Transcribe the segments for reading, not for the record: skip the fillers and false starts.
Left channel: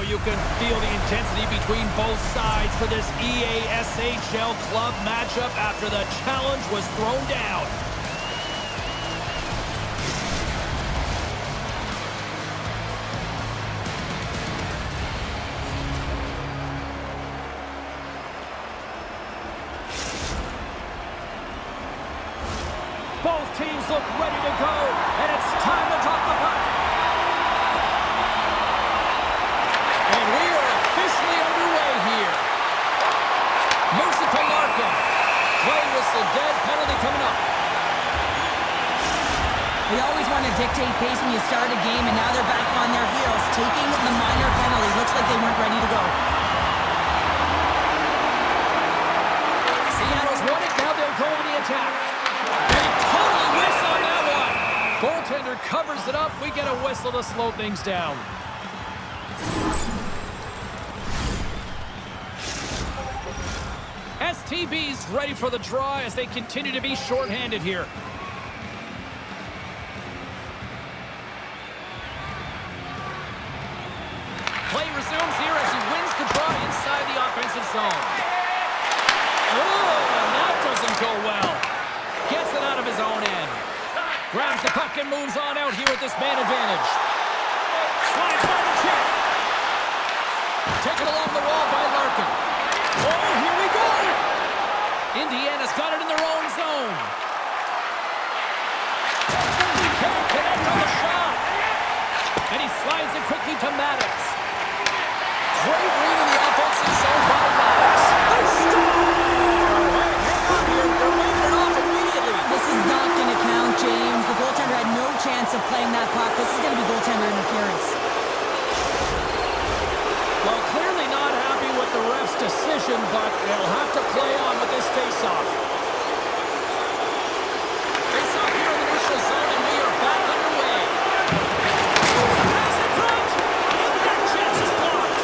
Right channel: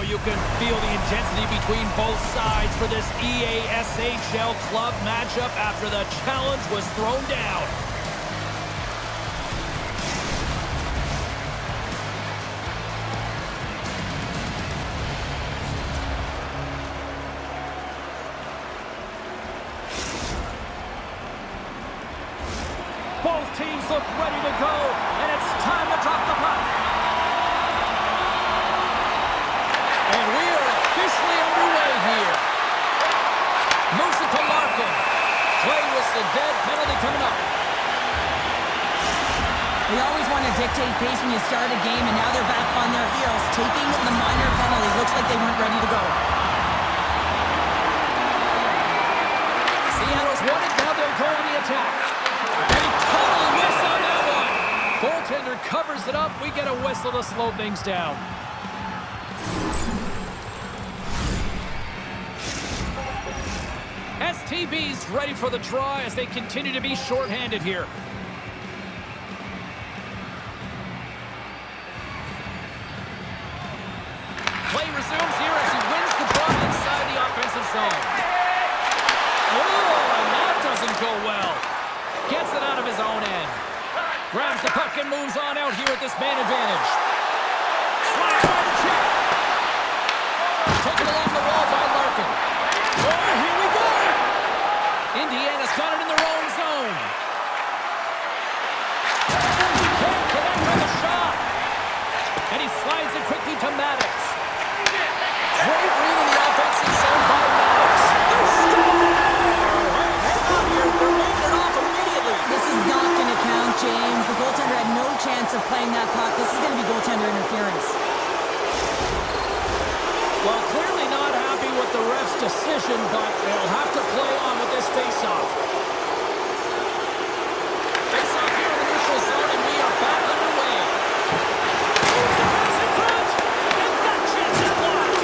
Oh, you can feel the intensity between both sides for this AXHL club matchup after the challenge was thrown down. Both teams look ready to go, and it's time to drop the puck. And we are officially underway here. Moves it to Larkin. Play whistle dead, penalty coming up. They always want to dictate pace when you start a game, and now they're back on their heels, taking the minor penalty. Looks like they weren't ready to go. Seattle's won it, now they'll go on the attack. They totally miss on that one. Goaltender covers it up. We get a whistle to slow things down. STB's ready for the draw as they continue to be shorthanded here. Play resumes here as he wins the draw inside the offensive zone. Oh, and that doesn't go well. Gets it out of his own end. Grabs the puck and moves on out here at this man advantage. Slides by the check. Taken along the wall by Larkin. Oh, here we go. Indiana's got it in their own zone. Can't connect on the shot. And he slides it quickly to Maddox. Great read in the offensive zone by Maddox. They score! Hey, hang on here. They're waving it off immediately. This is not going to count, James. The goaltender had no chance of playing that puck. This is going to be goaltender interference. Well, clearly not happy with the ref's decision, but they'll have to play on with this face-off. Face-off here in the neutral zone, and we are back underway. Moves the pass in front, and that chance is blocked.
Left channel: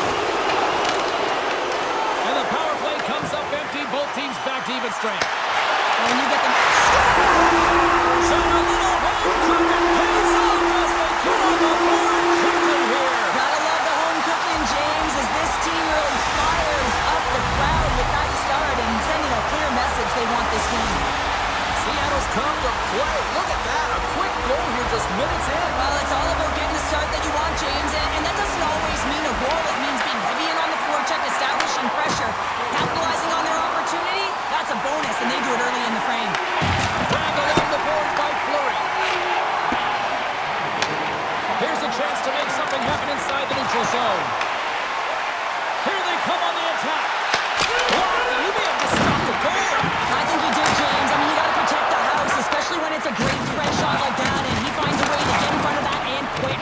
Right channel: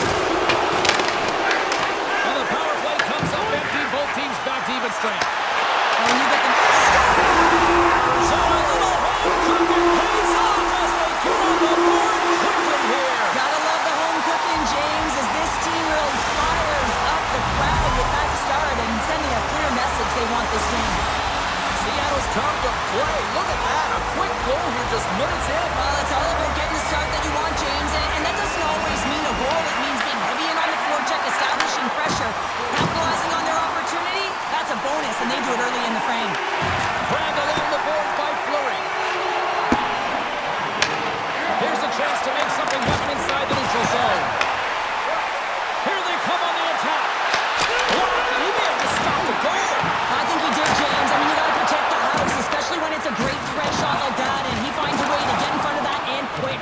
And the power play comes up empty. Both teams back to even strength. When you get them... Scores! And a little home cooking pays off as they get on the board quickly here. Gotta love the home cooking, James, as this team really fires up the crowd with that start and sending a clear message they want this game. Seattle's come to play. Look at that. A quick goal here just minutes in. Well, it's all about getting the start that you want, James, and that doesn't always mean a goal. It means being heavy in on the forecheck, establishing pressure, capitalizing on their opportunity. That's a bonus, and they do it early in the frame. Grabbed along the boards by Fleury. Here's a chance to make something happen inside the neutral zone. Here they come on the attack. Blocked, and he may have just stopped the goal. I think he did, James. I mean, you got to protect the house, especially when it's a great threat shot like that, and he finds a way to get in front of that and quick.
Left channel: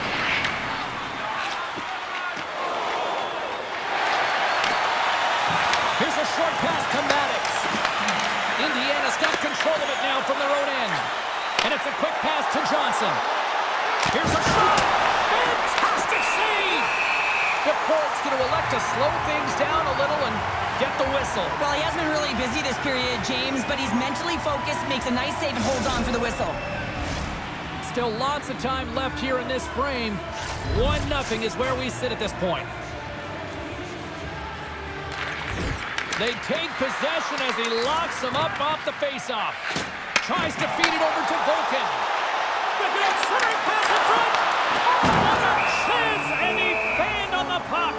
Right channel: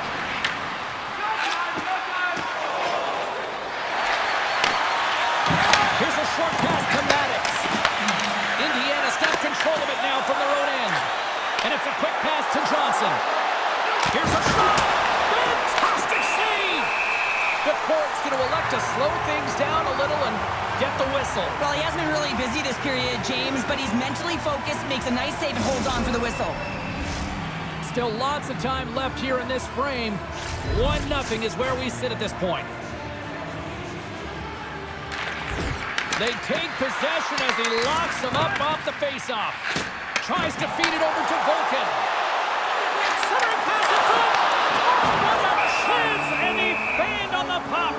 Here's a short pass to Maddox. Indiana's got control of it now from their own end. And it's a quick pass to Johnson. Here's a shot. Fantastic save. DePort's going to elect to slow things down a little and get the whistle. Well, he hasn't been really busy this period, James, but he's mentally focused, makes a nice save, and holds on for the whistle. Still lots of time left here in this frame. 1-0 is where we sit at this point. They take possession as he locks them up off the faceoff. Tries to feed it over to Volkin. Centering pass in front. Oh, what a chance! And he fanned on the puck.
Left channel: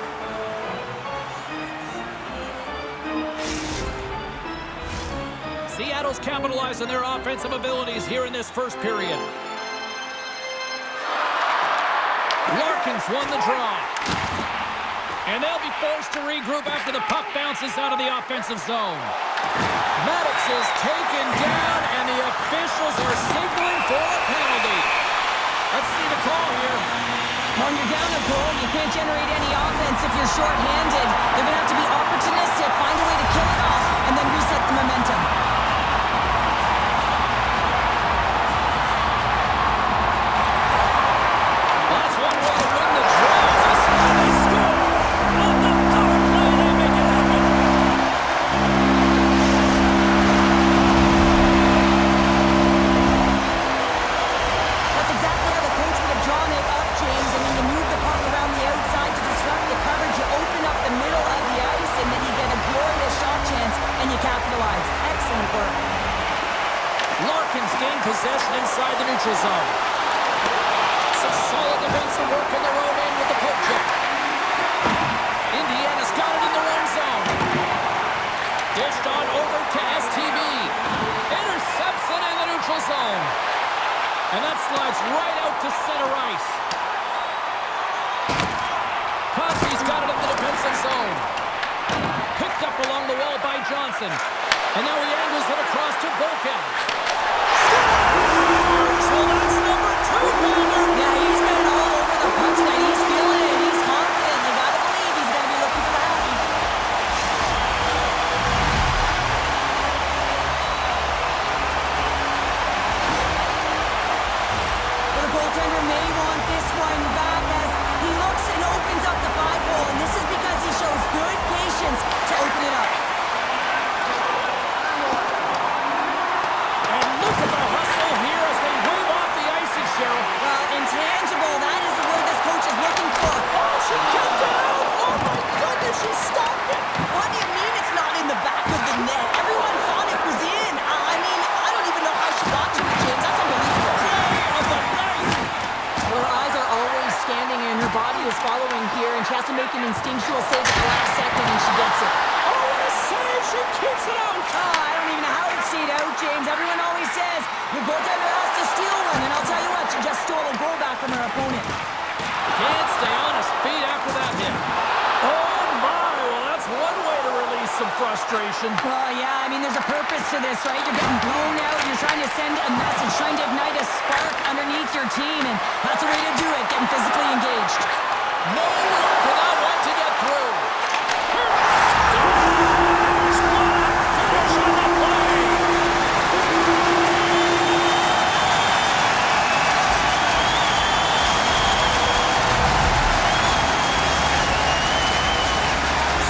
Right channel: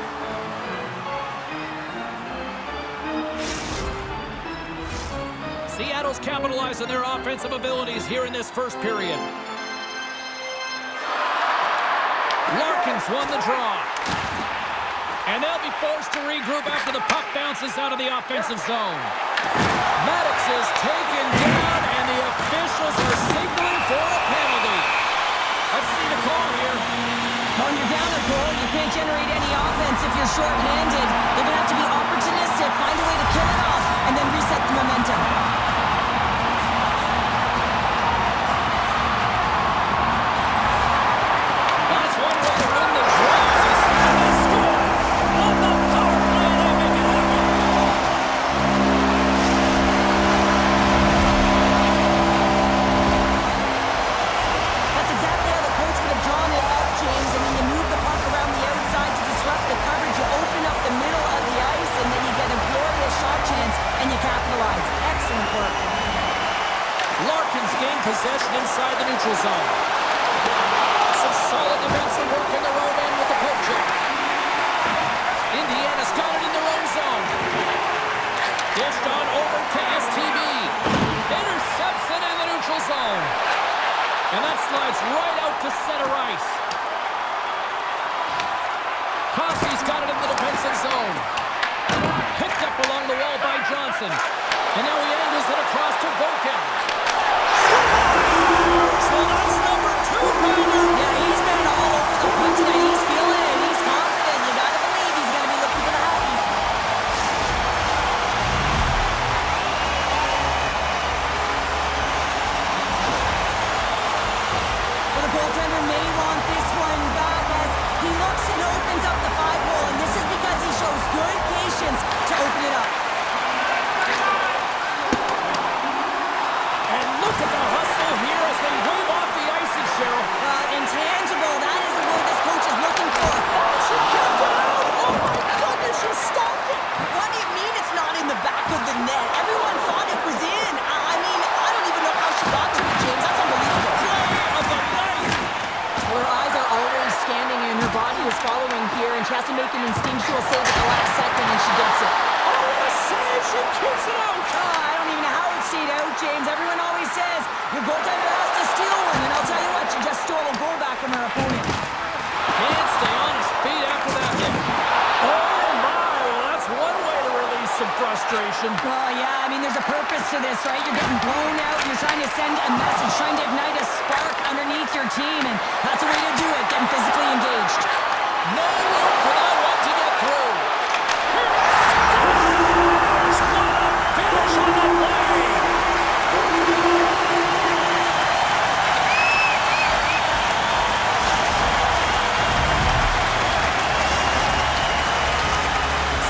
Seattle's capitalized on their offensive abilities here in this first period. Larkin's won the draw. And they'll be forced to regroup after the puck bounces out of the offensive zone. Maddox is taken down, and the officials are signaling for a penalty. Let's see the call here. When you're down a goal, you can't generate any offense if you're shorthanded. They're going to have to be opportunistic, find a way to kill it off, and then reset the momentum. Well, that's one way to win the draw. And they score! On the power play, they make it happen. That's exactly how the coach would have drawn it up, James. I mean, you move the puck around the outside to disrupt the coverage. You open up the middle of the ice, and then you get a glorious shot chance, and you capitalize. Excellent work. Larkin's gained possession inside the neutral zone. Some solid defensive work in their own end with the poke check. Indiana's got it in their own zone. Dished on over to STB. Intercepts it in the neutral zone. And that slides right out to center ice. Koski's got it in the defensive zone. Picked up along the wall by Johnson. And now he angles it across to Voken. Scores! Well, that's number 2-pounder. Yeah, he's been all over the puck tonight. He's feeling it. He's confident. You gotta believe he's gonna be looking for the happy. But the goaltender may want this one back as he looks and opens up the 5-hole, and this is because he shows good patience to open it up. And look at the hustle here as they wave off the icing, Cheryl. Well, intangible, that is the word this coach is looking for. Oh, she kept it out! Oh my goodness, she stopped it! What do you mean it's not in the back of the net? Everyone thought it was in. I mean, I don't even know how she got to it, James. That's unbelievable. Play of the night! Well, her eyes are always scanning and her body is following here, and she has to make an instinctual save at the last second, and she gets it. Oh, what a save! She keeps it out! Oh, I don't even know how it stayed out, James. Everyone always says your goaltender has to steal one, and I'll tell you what, she just stole a goal back from her opponent. Can't stay on his feet after that hit. Oh my, well that's one way to release some frustration. Oh, yeah, I mean, there's a purpose to this, right? You're getting blown out, you're trying to send a message, trying to ignite a spark underneath your team, and that's the way to do it, getting physically engaged. No room for that one to get through. Scores! What a finish on the play!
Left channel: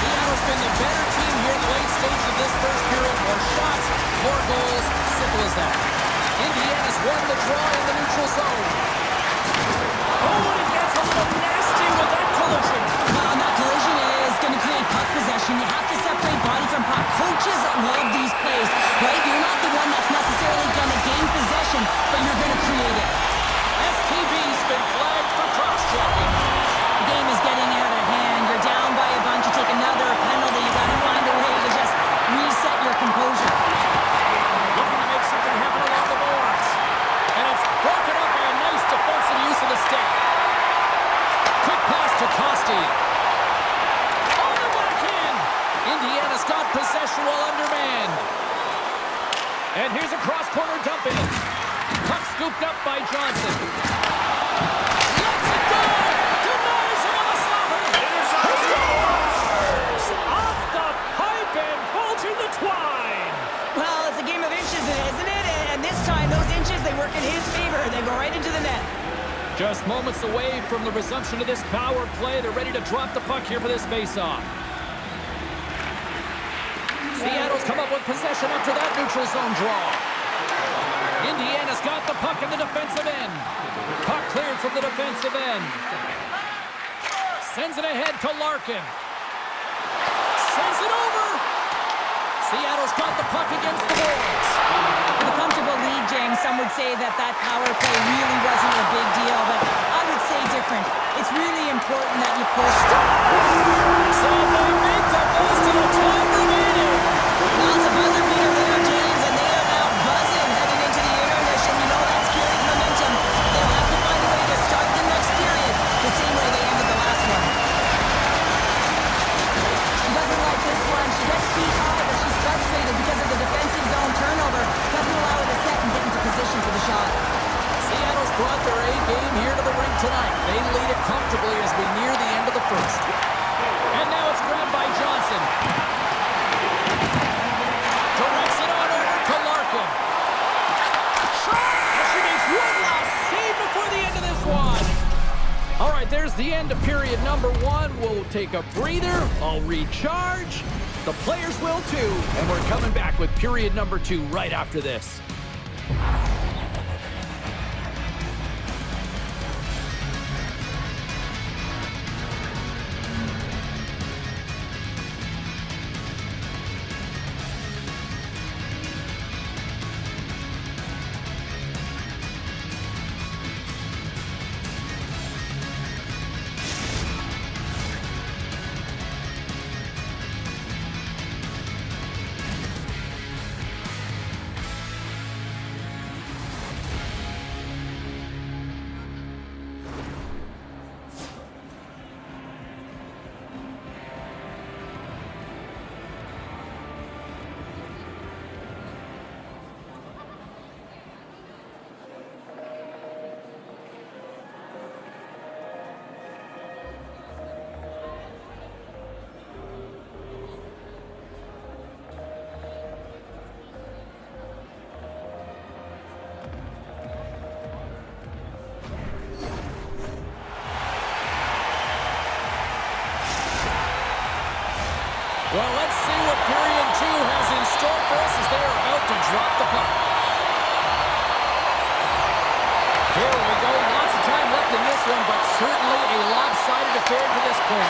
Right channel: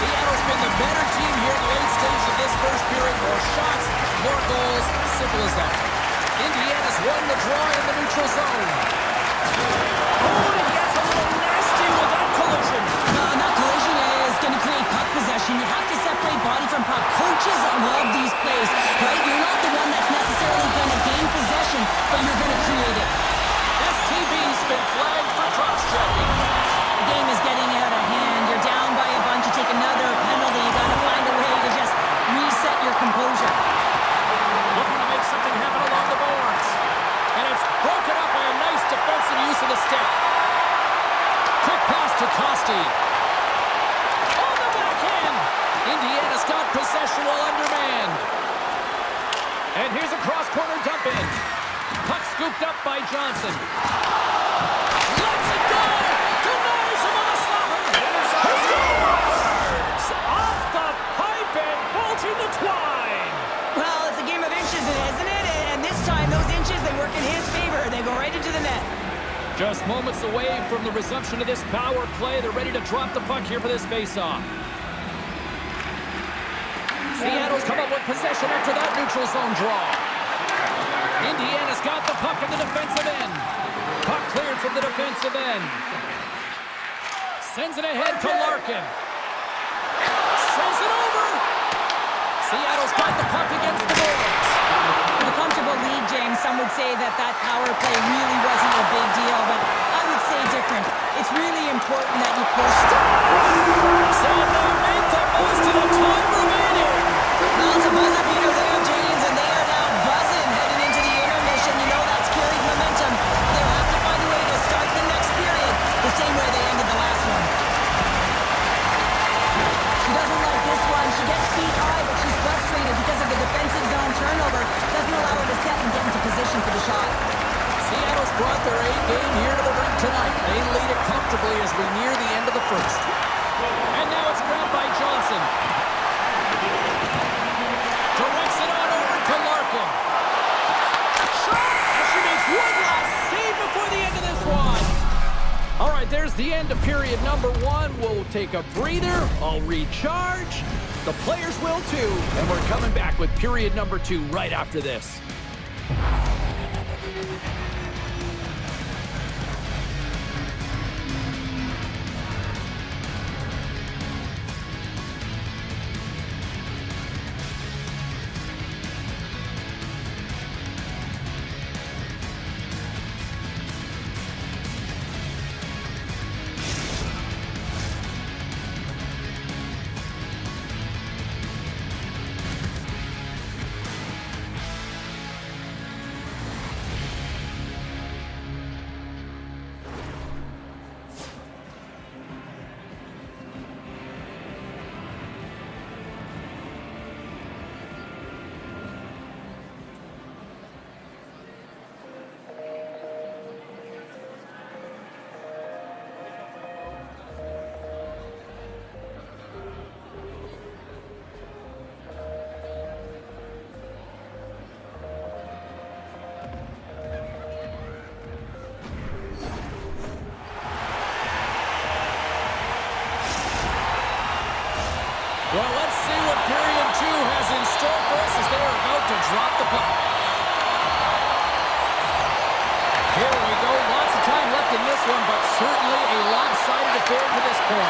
Seattle's been the better team here in the late stage of this first period. More shots, more goals, simple as that. Indiana's won the draw in the neutral zone. Oh, and it gets a little nasty with that collision. And that collision is going to create puck possession. You have to separate body from puck. Coaches love these plays, right? You're not the one that's necessarily going to gain possession, but you're going to create it. STB's been flagged for cross-checking. The game is getting out of hand. You're down by a bunch. You take another penalty. You got to find a way to just reset your composure. Looking to make something happen along the boards. And it's broken up by a nice defensive use of the stick. Quick pass to Kosti. On the backhand. Indiana's got possession while undermanned. And here's a cross-corner dump in. Puck scooped up by Johnson. Lets it go. Denies him on the slapper. He scores! Off the pipe and bolting the twine. Well, it's a game of inches, isn't it? And this time, those inches, they work in his favor. They go right into the net. Just moments away from the resumption of this power play. They're ready to drop the puck here for this face-off. Seattle's come up with possession after that neutral zone draw. Indiana's got the puck in the defensive end. Puck cleared from the defensive end. Sends it ahead to Larkin. Sends it over. Seattle's got the puck against the boards. With a comfortable lead, James, some would say that power play really wasn't a big deal, but I would say different. It's really important that you push. And they make the most of the time remaining. Well, it's a buzzer beater there, James, and they are now buzzing heading into the intermission. You know that's carried momentum. They'll have to find a way to start the next period the same way they ended the last one. She doesn't like this one. She gets feet high, but she's frustrated because of the defensive zone turnover. Doesn't allow her to set and get into position for the shot. Seattle's brought their A game here to the rink tonight. They lead it comfortably as we near the end of the first. And now it's grabbed by Johnson. Directs it on over to Larkin. Shot! And she makes one last save before the end of this one. All right, there's the end of period number one. We'll take a breather. I'll recharge. The players will too. And we're coming back with period number two right after this. Well, let's see what period 2 has in store for us as they are about to drop the puck. Here we go. Lots of time left in this one, but certainly a lopsided affair to this point.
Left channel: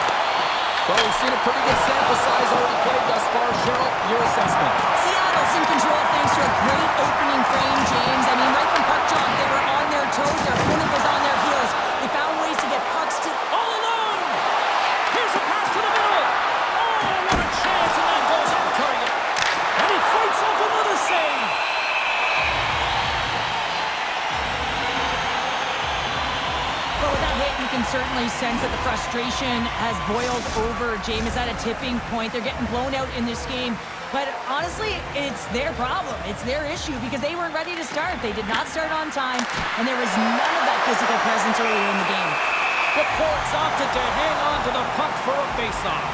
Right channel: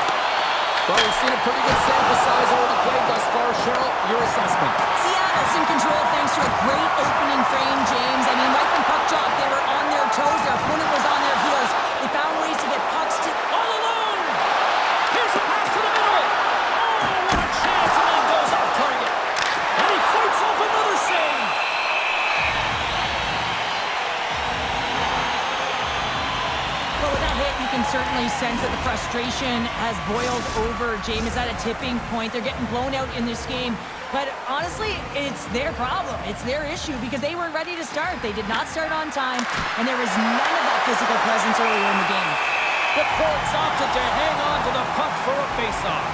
Well, we've seen a pretty good sample size already played thus far. Cheryl, your assessment. Seattle's in control thanks to a great opening frame, James. I mean, right from puck drop, they were on their toes. Their opponent was on their heels. They found ways to get pucks to... All alone! Here's a pass to the middle! Oh, what a chance, and that goes off target. And he fights off another save. But with that hit, you can certainly sense that the frustration has boiled over. James is at a tipping point. They're getting blown out in this game. But honestly, it's their problem. It's their issue because they weren't ready to start. They did not start on time, and there was none of that physical presence earlier in the game. The Ports opted to hang on to the puck for a faceoff.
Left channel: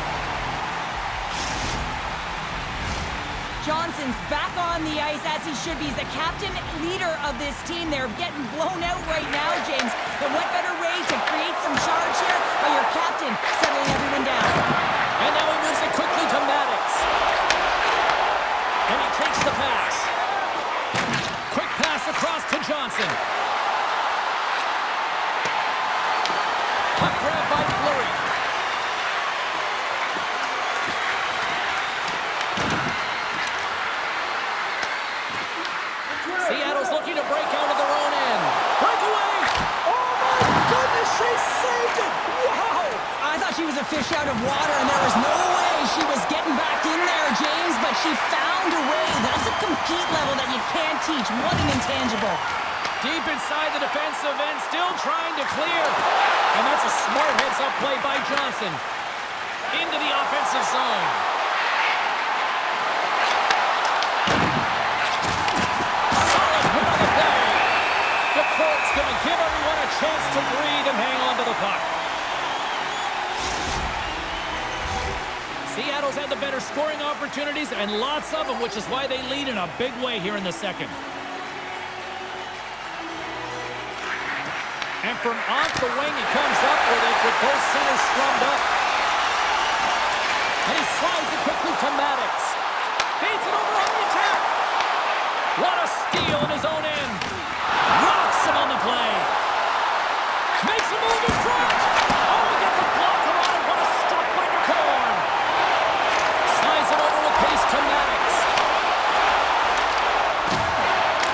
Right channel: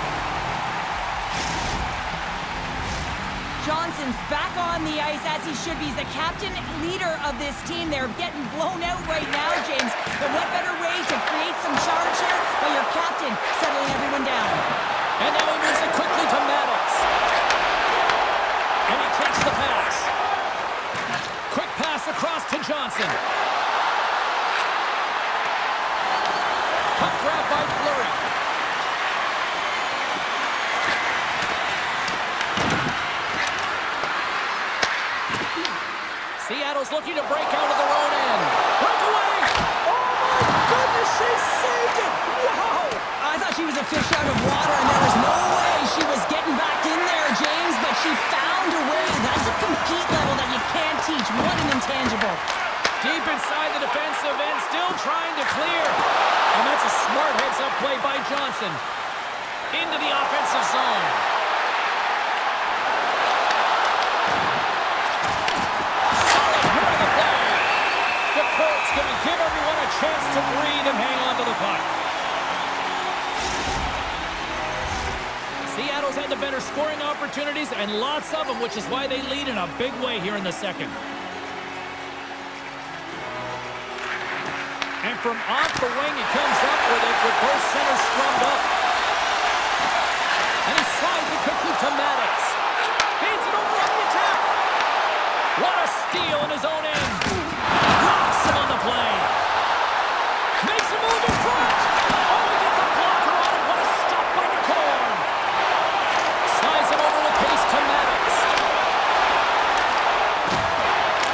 Johnson's back on the ice as he should be. He's the captain, leader of this team. They're getting blown out right now, James. But what better way to create some charge here by your captain settling everyone down? And now he moves it quickly to Maddox. And he takes the pass. Quick pass across to Johnson. Puck grab by Fleury. Seattle's looking to break out of their own end. Breakaway! Oh my goodness, she saved it! Wow! I thought she was a fish out of water, and there was no way she was getting back in there, James, but she found a way. That's a compete level that you can't teach. What an intangible. Deep inside the defensive end, still trying to clear. And that's a smart heads-up play by Johnson. Into the offensive zone. Solid hit on the play. The Colts going to give everyone a chance to breathe and hang on to the puck. Seattle's had the better scoring opportunities and lots of them, which is why they lead in a big way here in the second. And from off the wing, he comes up with it with both centers scrummed up. And he slides it quickly to Maddox. Feeds it over on the attack. What a steal in his own end. Rocks him on the play. Makes a move in front. Oh, he gets a blocker on it. What a stop by Nicorn. Slides it over with pace to Maddox.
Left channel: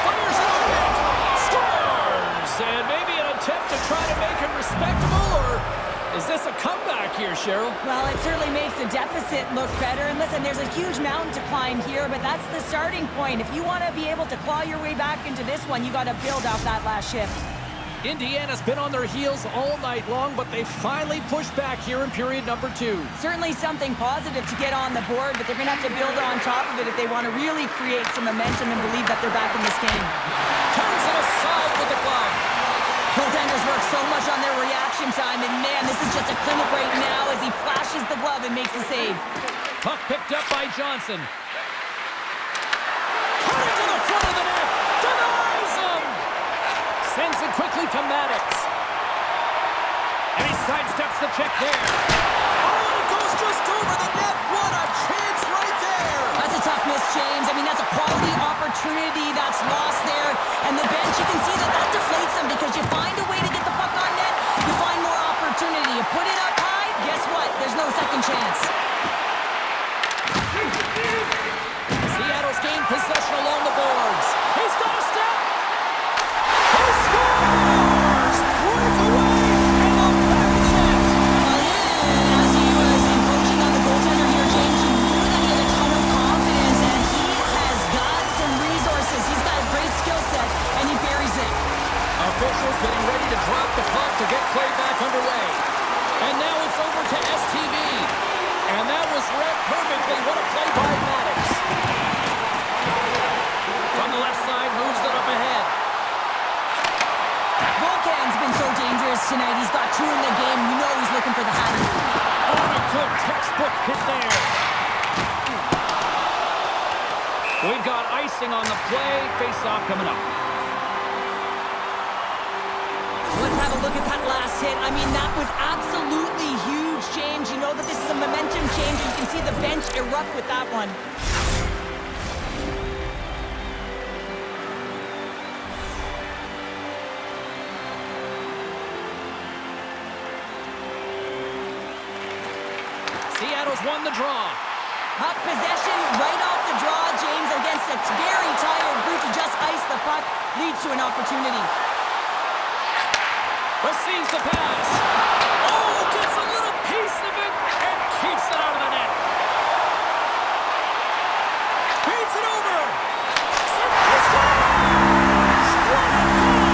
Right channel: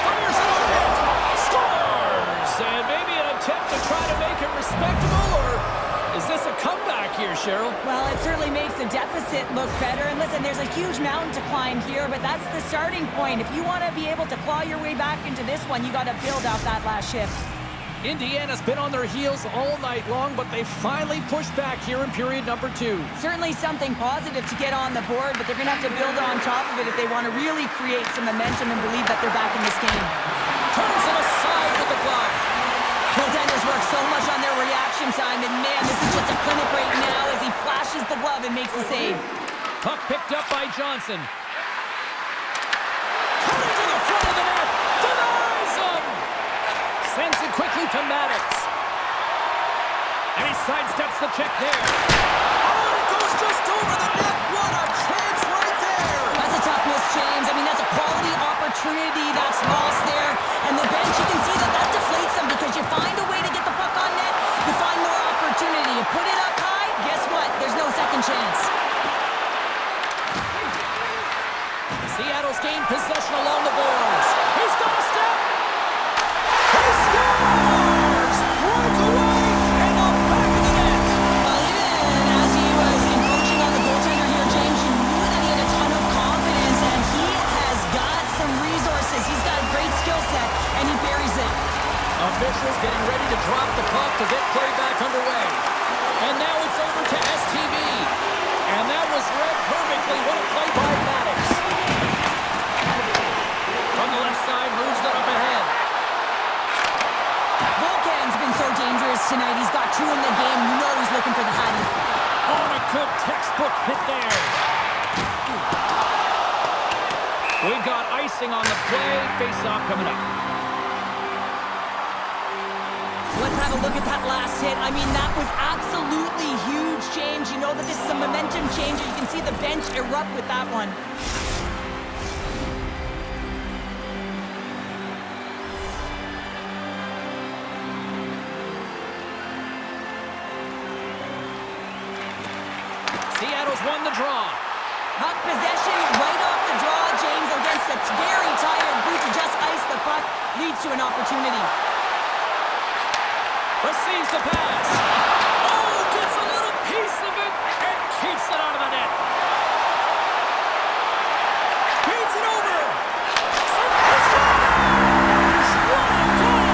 Fires it on it. Scores. And maybe an attempt to try to make it respectable, or is this a comeback here, Cheryl? Well, it certainly makes the deficit look better. And listen, there's a huge mountain to climb here, but that's the starting point. If you want to be able to claw your way back into this one, you got to build off that last shift. Indiana's been on their heels all night long, but they finally pushed back here in period number 2. Certainly something positive to get on the board, but they're going to have to build on top of it if they want to really create some momentum and believe that they're back in this game. Turns it aside with the glove. Goaltenders work so much on their reaction time, and man, this is just a clinic right now as he flashes the glove and makes the save. Puck picked up by Johnson. Cutting to the front of the net. Denies him. Sends it quickly to Maddox. And he sidesteps the check there. Oh, and it goes just over the net. What a chance right there. That's a tough miss, James. I mean, that's a quality opportunity that's lost there. And the bench, you can see that that deflates them because you find a way to get the puck on net, you find more opportunity. You put it up high, guess what? There's no second chance. Seattle's gained possession along the boards. He's got a step. He scores! Breakaway and the back of the net. Well, even as he was encroaching on the goaltender here, James, you knew that he had a ton of confidence, and he has got some resources. He's got a great skill set, and he buries it. Officials getting ready to drop the puck to get play back underway. And now it's over to STB. And that was read perfectly. What a play by Maddox. From the left side, moves it up ahead. Volkan's been so dangerous tonight. He's got 2 in the game. You know he's looking for the hattie. On a good textbook hit there. We've got icing on the play. Face-off coming up. Let's have a look at that last hit. I mean, that was absolutely huge, James. You know that this is a momentum changer. You can see the bench erupt with that one. Seattle's won the draw. Puck possession right off the draw, James, against a very tired group to just ice the puck leads to an opportunity. Receives the pass. Oh, gets a little piece of it and keeps it out of the net. Feeds it over. He scores! What a goal!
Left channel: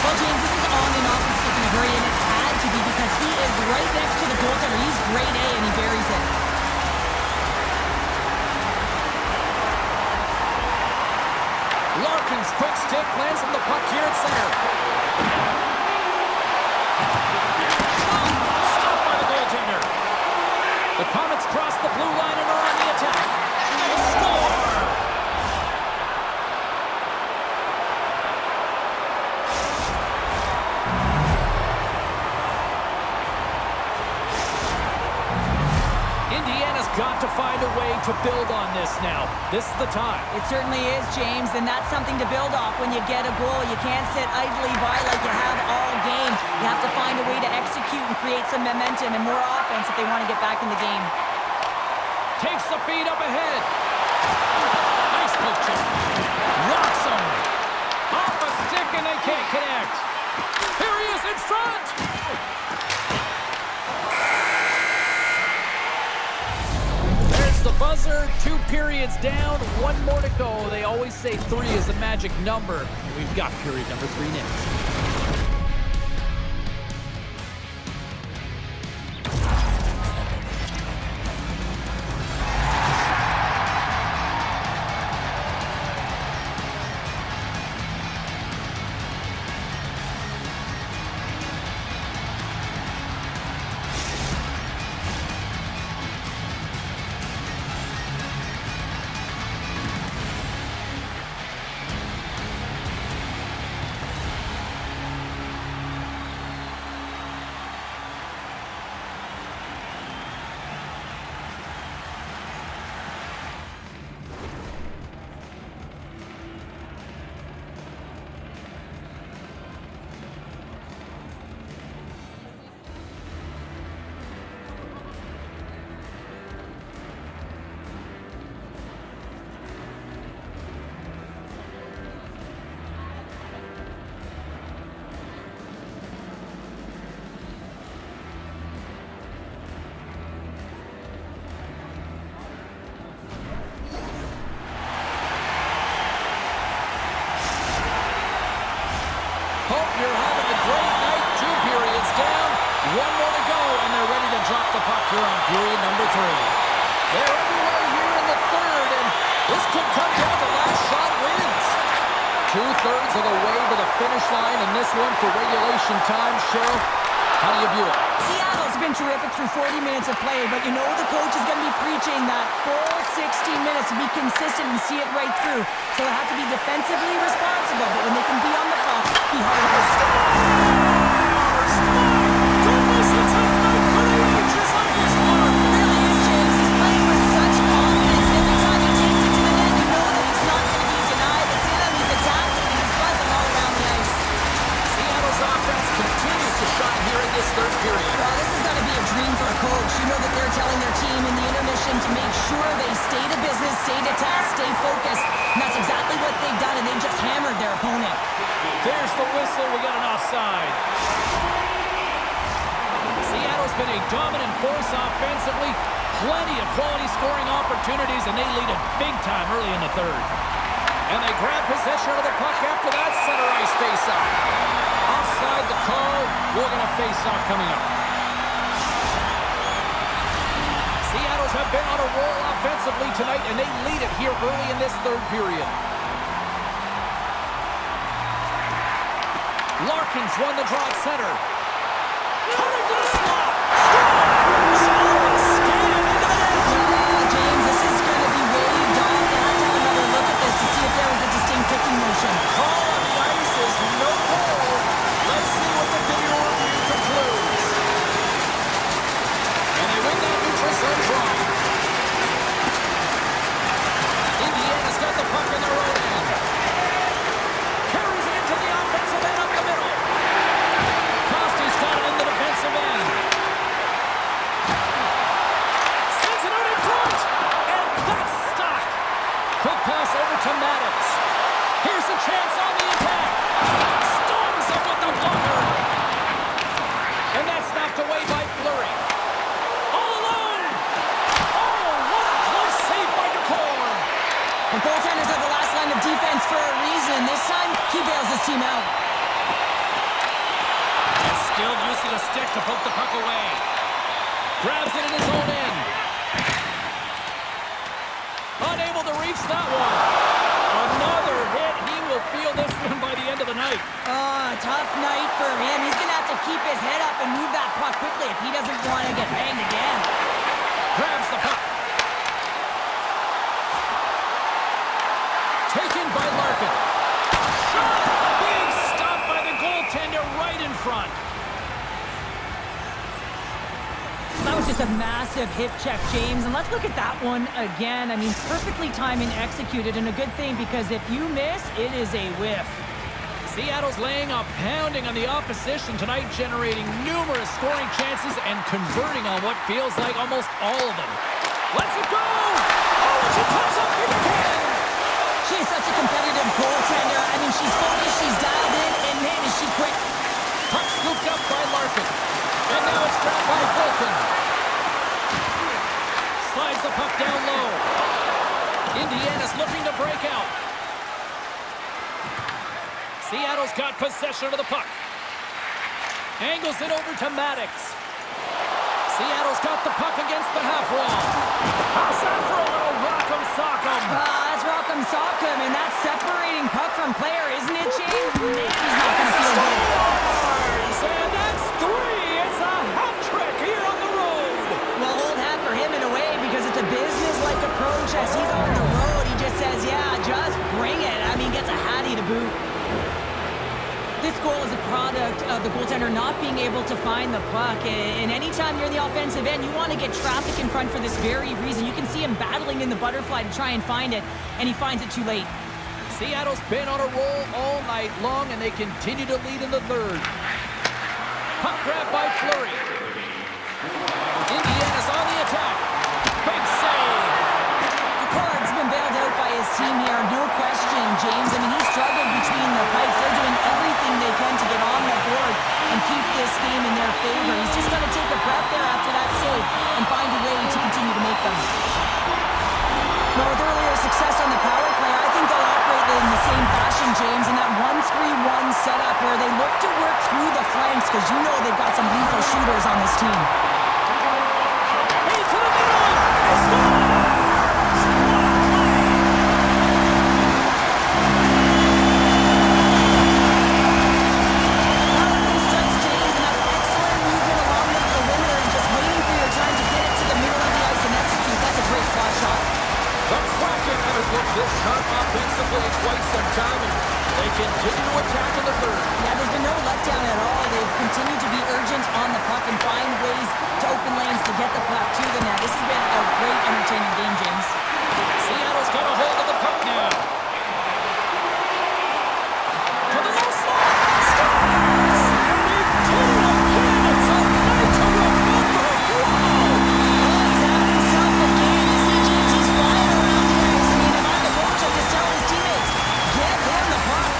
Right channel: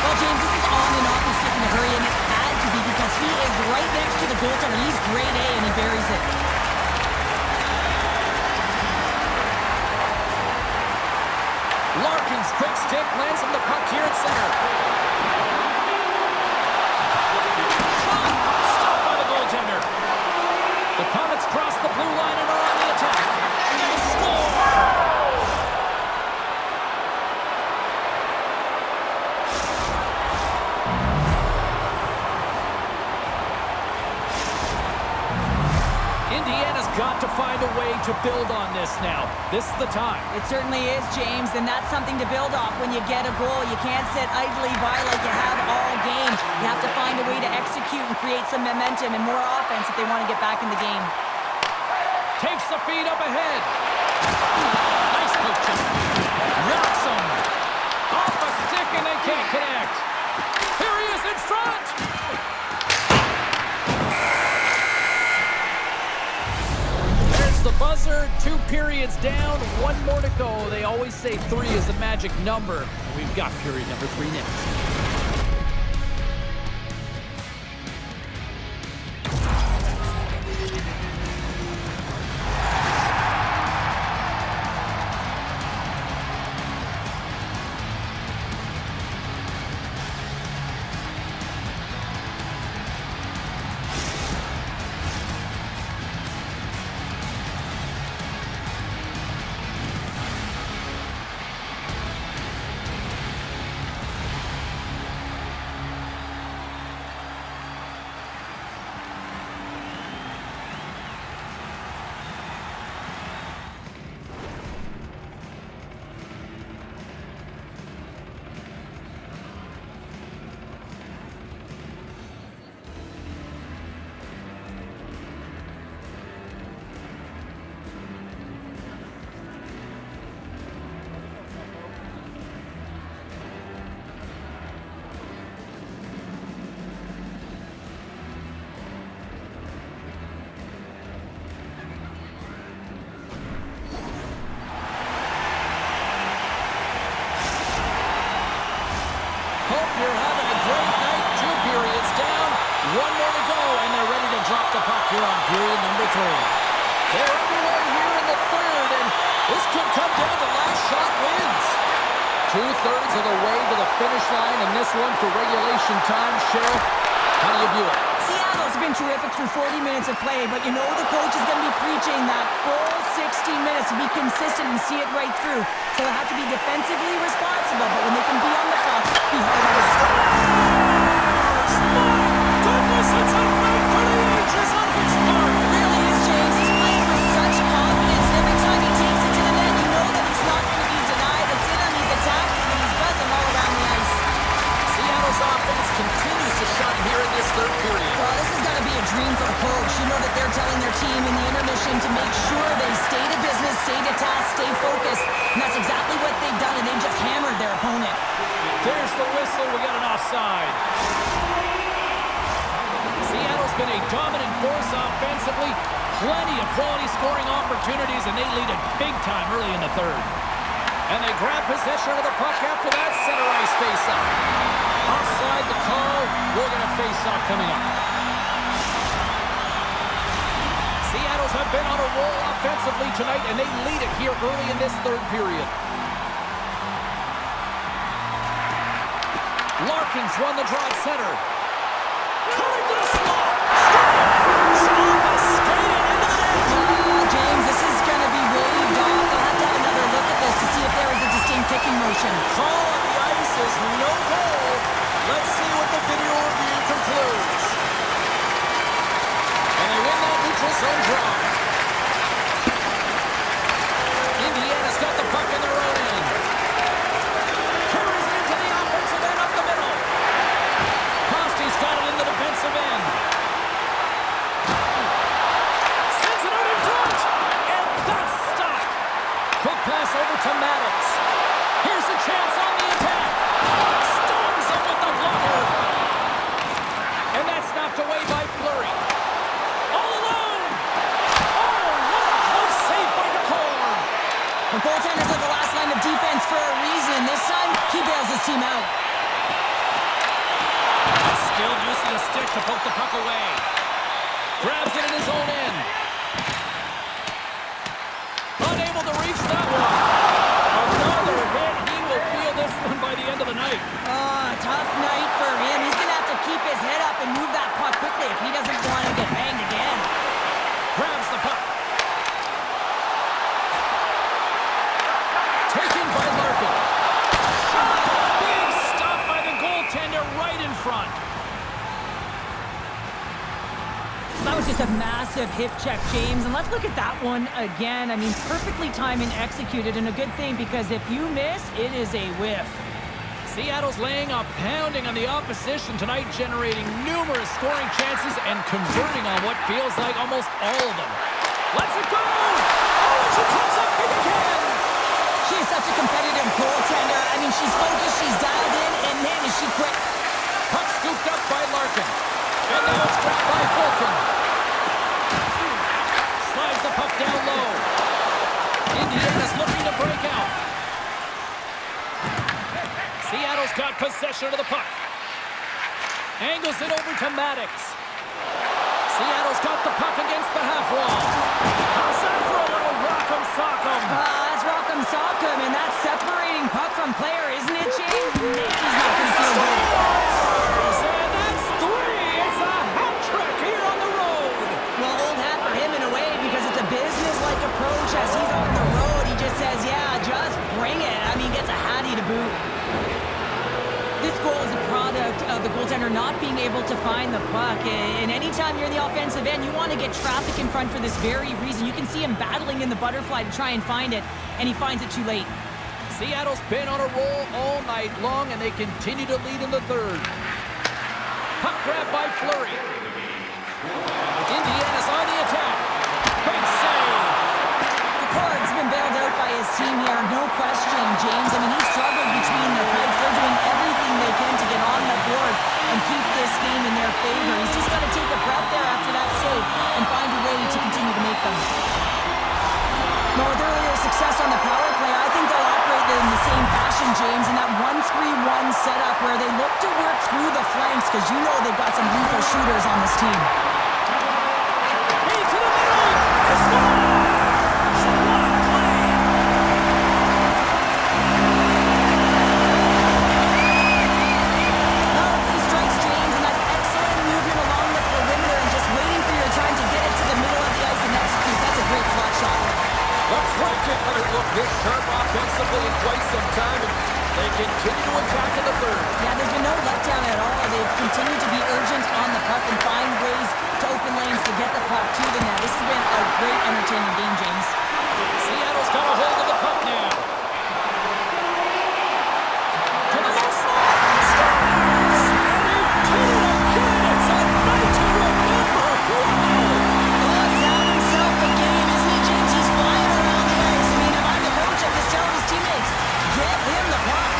Well, James, this is on and off and stick in a hurry, and it had to be because he is right next to the goaltender. He's grade A, and he buries it. Larkin's quick stick lands him the puck here at center. Shot! Stopped by the goaltender. The Comets cross the blue line and are on the attack. They score! Indiana's got to find a way to build on this now. This is the time. It certainly is, James, and that's something to build off when you get a goal. You can't sit idly by like you have all game. You have to find a way to execute and create some momentum and more offense if they want to get back in the game. Takes the feed up ahead. Nice poke check. Rocks him. Off a stick and they can't connect. Here he is in front. The buzzer, 2 periods down, 1 more to go. They always say 3 is the magic number. We've got period number 3 next. Hope you're having a great night. 2 periods down, 1 more to go, and they're ready to drop the puck here on period number 3. They're underway here in the third, and this could come down to last shot wins. 2/3 of the way to the finish line, and this one for regulation time. Cheryl, how do you view it? Seattle's been terrific through 40 minutes of play, but you know the coach is going to be preaching that full 60 minutes to be consistent and see it right through. So they have to be defensively responsible, but when they can be on the puck, be hard on the Scores! My goodness, it's a night for the ages on his part. It really is, James. He's playing with such confidence. Every time he takes it to the net, you know that he's not going to be denied. It's in him, he's attacking, and he's buzzing all around the ice. Seattle's offense continues to shine here in this third period. Well, this has got to be a dream for a coach. You know that they're telling their team in the intermission to make sure they stay to business, stay to task, stay focused. And that's exactly what they've done, and they've just hammered their opponent. There's the whistle. We got an offside. Seattle's been a dominant force offensively. Plenty of quality scoring opportunities, and they lead it big time early in the third. And they grab possession of the puck after that center ice face-off. Offside the call. We're going to face-off coming up. Seattle's have been on a roll offensively tonight, and they lead it here early in this third period. Larkin's won the draw at center. Coming to the slot. Score! Off a skate and into the net. James, this is going to be waved off. They'll have to have another look at this to see if there was a distinct kicking motion. Call on the ice is no goal. Let's see what the video review concludes. And they win that neutral zone draw. Indiana's got the puck in their own end. Carries it into the offensive end up the middle. Costy's got it in the defensive end. Sends it out in front. And that's stopped. Quick pass over to Maddox. Here's a chance on the attack. Storms him with the blocker. And that's knocked away by Fleury. All alone. Oh, what a close save by DeCorn. The goaltenders are the last line of defense for a reason. This time, he bails his team out. A skilled use of the stick to poke the puck away. Grabs it in his own end. Unable to reach that one. Another hit. He will feel this one by the end of the night. Tough night for him. He's going to have to keep his head up and move that puck quickly if he doesn't want to get banged again. Grabs the puck. Taken by Larkin. Shot! Big stop by the goaltender right in front. That was just a massive hip check, James. And let's look at that one again. I mean, perfectly timed and executed, and a good thing because if you miss, it is a whiff. Seattle's laying a pounding on the opposition tonight, generating numerous scoring chances and converting on what feels like almost all of them. Let's it go! Oh, and she comes up big again! She is such a competitive goaltender. I mean, she's focused, she's dialed in, and man, is she quick. Puck scooped up by Larkin. And now it's grabbed by Fulton. Slides the puck down low. Indiana's looking to break out. Seattle's got possession of the puck. Angles it over to Maddox. Seattle's got the puck against the half wall. How's that for a little rock'em sock'em? That's rock'em sock'em, and that's separating puck from player, isn't it, James? Man, he's not going to feel good. Scores! And that's three! It's a hat trick here on the road! Well, old hat for him in a way because it's a business-like approach as he's on the road. He just says, yeah, just bring it. I mean, gets a hattie to boot. This goal is a product of the goaltender not being able to find the puck. And anytime you're in the offensive end, you want to get traffic in front for this very reason. You can see him battling in the butterfly to try and find it, and he finds it too late. Seattle's been on a roll all night long, and they continue to lead in the third. Puck grab by Fleury. Indiana's on the attack. Big save. DeCord's been bailed out by his team here, no question, James. I mean, he struggled between the pipes. They're doing everything they can to get on the board and keep this game in their favor. He's just got to take a breath there after that save and find a way to continue to make them. Well, with earlier success on the power play, I think they'll operate in the same fashion, James, in that 1-3-1 setup where they look to work through the flanks because you know they've got some lethal shooters on this team. Hey, to the middle! They score! What a play! Power play strikes, James, and that's excellent movement along the perimeter and just waiting for your time to get it to the middle of the ice and execute. That's a great slot shot. The Kraken haven't looked this sharp offensively in quite some time, and they continue to attack in the third. Yeah, there's been no letdown at all. They've continued to be urgent on the puck and find ways to open lanes to get the puck to the net. This has been a great, entertaining game, James. Seattle's got a hold of the puck now. To the low slot. Scores! And he did it again. It's a night to remember. Wow! Oh, he's having himself a game, isn't he, James? He's flying around the ice. I mean, if I'm the coach, I'm just telling his teammates, get him the puck.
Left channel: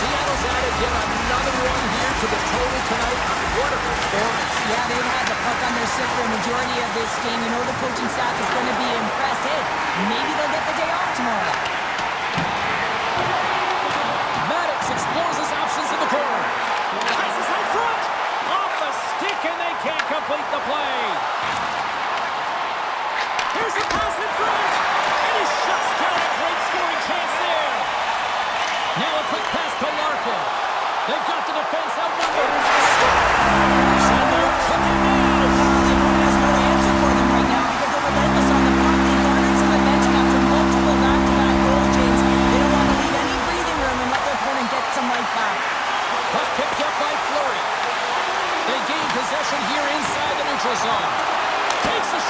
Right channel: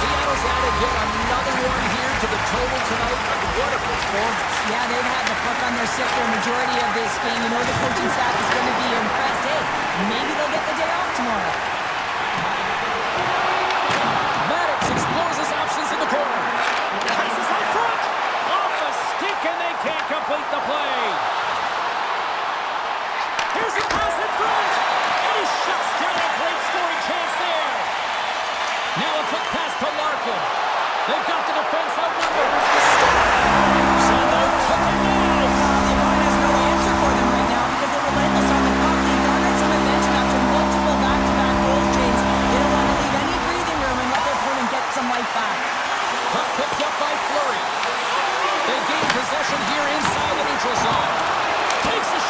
Seattle's added yet another one here to the total tonight. What a performance. Yeah, they've had the puck on their stick for a majority of this game. You know the coaching staff is going to be impressed. Hey, maybe they'll get the day off tomorrow. Maddox explores his options in the corner. Passes out front. Off a stick, and they can't complete the play. Here's a pass in front. And he shuts down a great scoring chance there. Now a quick pass to Larkin. They've got the defense outnumbered. Scores! And they're cooking now. The opponent has no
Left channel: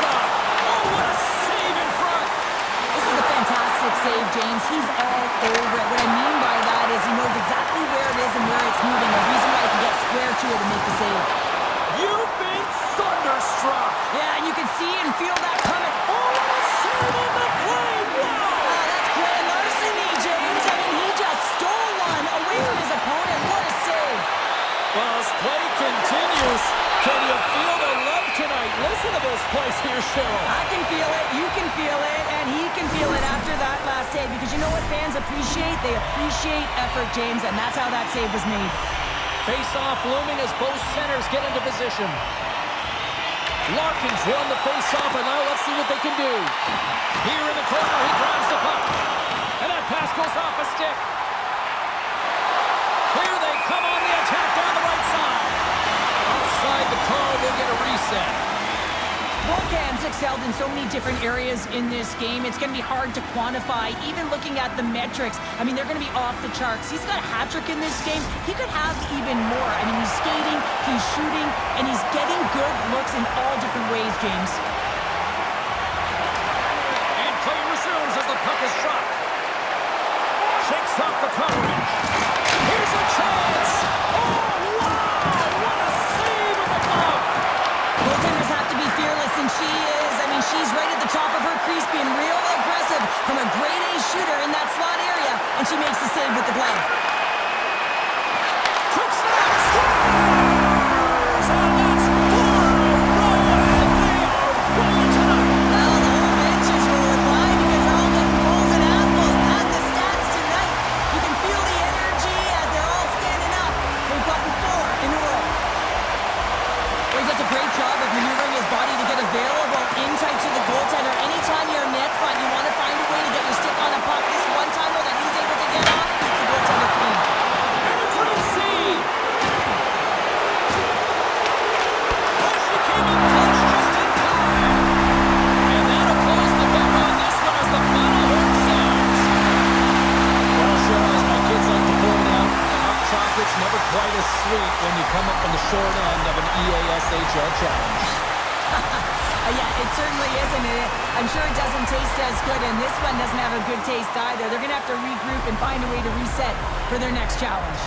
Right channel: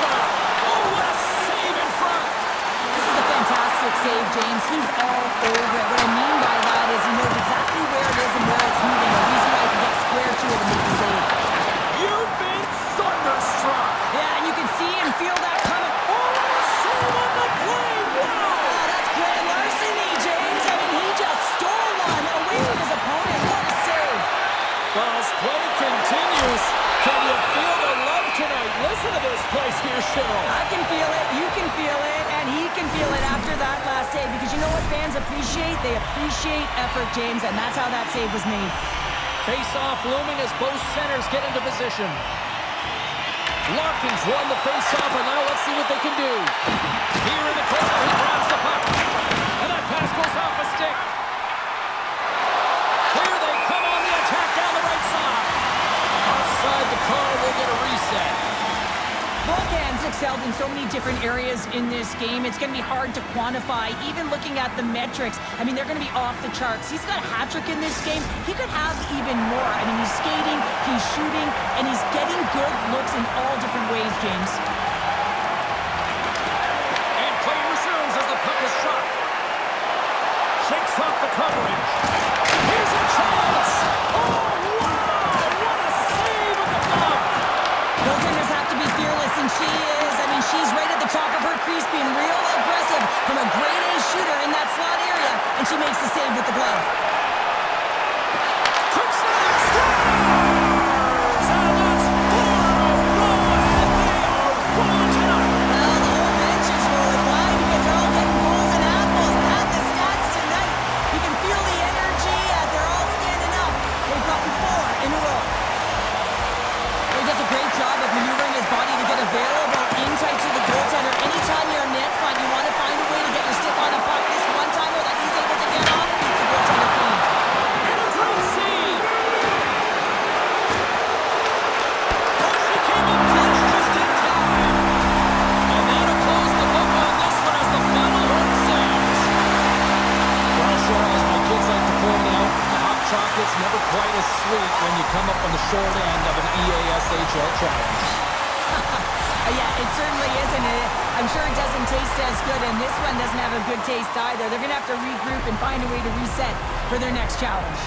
shot. Oh, what a save in front. This is a fantastic save, James. He's all over it. What I mean by that is he knows exactly where it is and where it's moving. The reason why he can get square to it and make the save. You've been thunderstruck. Yeah, and you can see and feel that coming. Oh, what a save on the play. Wow. Oh, that's grand larceny, James. I mean, he just stole one away from his opponent. What a save. Well, as play continues, can you feel the love tonight? Listen to this place here, Cheryl. I can feel it, you can feel it, and he can feel it after that last save. Because you know what fans appreciate? They appreciate effort, James, and that's how that save was made. Face-off looming as both centers get into position. Larkins won the face-off, and now let's see what they can do. Here in the corner, he grabs the puck. And that pass goes off a stick. Here they come on the attack down the right side. Offside, the call will get a reset. Both hands excelled in so many different areas in this game. It's going to be hard to quantify, even looking at the metrics. I mean, they're going to be off the charts. He's got a hat trick in this game. He could have even more. I mean, he's skating, he's shooting, and he's getting good looks in all different ways, James. And play resumes as the puck is dropped. Shakes off the coverage. Here's a chance. Oh, wow! What a save with the glove. Goaltenders have to be fearless, and she is. I mean, she's right at the top of her crease, being real aggressive from a grade A shooter in that slot area, and she makes the save with the glove. Quick snap, scores! And that's 4 in a row, and they are rolling tonight. Well, the whole bench is rolling. Why? Because they're all getting goals and apples. At the stats tonight, you can feel the energy as they're all standing up. They've gotten 4 in a row. He does a great job of maneuvering his body to get available in tight to the goaltender. Anytime you're net front, you want to find a way to get your stick on a puck. This one-timer that he's able to get on keeps the goaltender clean. And a great save. Oh, she came in clutch just in time. And that'll close the book on this one as the final horn sounds. Well, Cheryl, as my kids like to point out, chocolate's never quite as sweet when you come up on the short end of an AXHL challenge. Yeah, it certainly isn't. I'm sure it doesn't taste as good, and this one doesn't have a good taste either. They're going to have to regroup and find a way to reset for their next challenge.